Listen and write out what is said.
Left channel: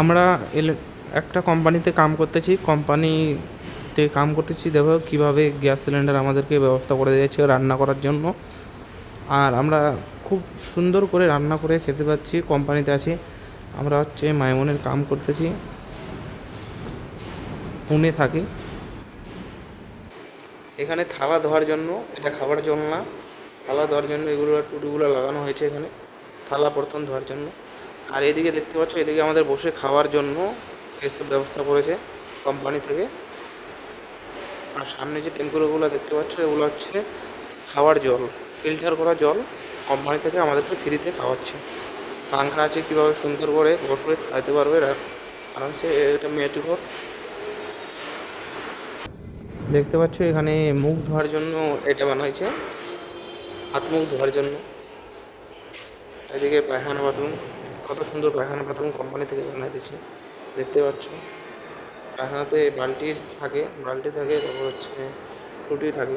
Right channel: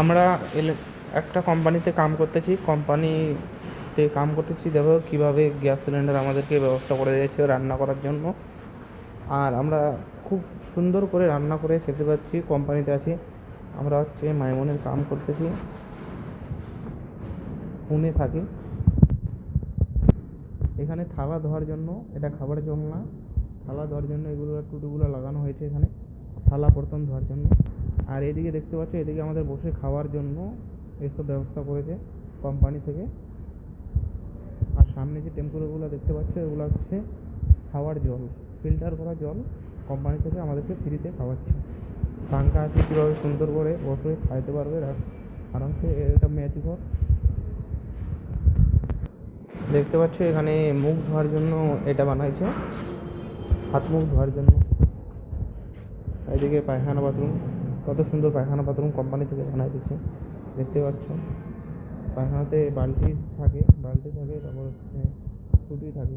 আমরা একটা কোম্পানিতে কাম করতেছি, দেখো কীভাবে গ্যাস সিলিন্ডার আমাদেরকে ব্যবস্থা করে দিয়েছে রান্না করার জন্য। আর আমরা খুব সুন্দর করে রান্না করে খেতে পাচ্ছি। কোম্পানিতে আছি আমরা, মাইমনের কাম করতেছি, পুনে থাকি। এখানে থালা ধোয়ার জন্য, এটা খাবার জল না, থালা ধোয়ার জন্য এগুলো টুটিগুলো লাগানো হয়েছে এখানে, থালা বর্তন ধোয়ার জন্য। আর এদিকে দেখতে পাচ্ছ, এদিকে আমাদের বসে খাওয়ার জন্য এসব ব্যবস্থা করেছে কোম্পানি থেকে। আর সামনে যে ট্যাঙ্কগুলো দেখতে পাচ্ছ, এগুলো হচ্ছে খাওয়ার জল, ফিল্টার করা জল কোম্পানি থেকে আমাদেরকে ফ্রিতে খাওয়াচ্ছে। পাংখা আছে, কীভাবে সুন্দর করে বসে খাইতে পারবে আরামসে। এটা মেজঘর দেখতে পাচ্ছ, এখানে মুখ ধোয়ার জন্য এটা বানাইছে, হাত মুখ ধোয়ার জন্য। এদিকে পায়খানা বাথরুম, কত সুন্দর পায়খানা বাথরুম কোম্পানি থেকে বানাইতেছে দেখতে পাচ্ছ। পায়খানাতে বালতি থাকে, তারপর টুটি থাকে।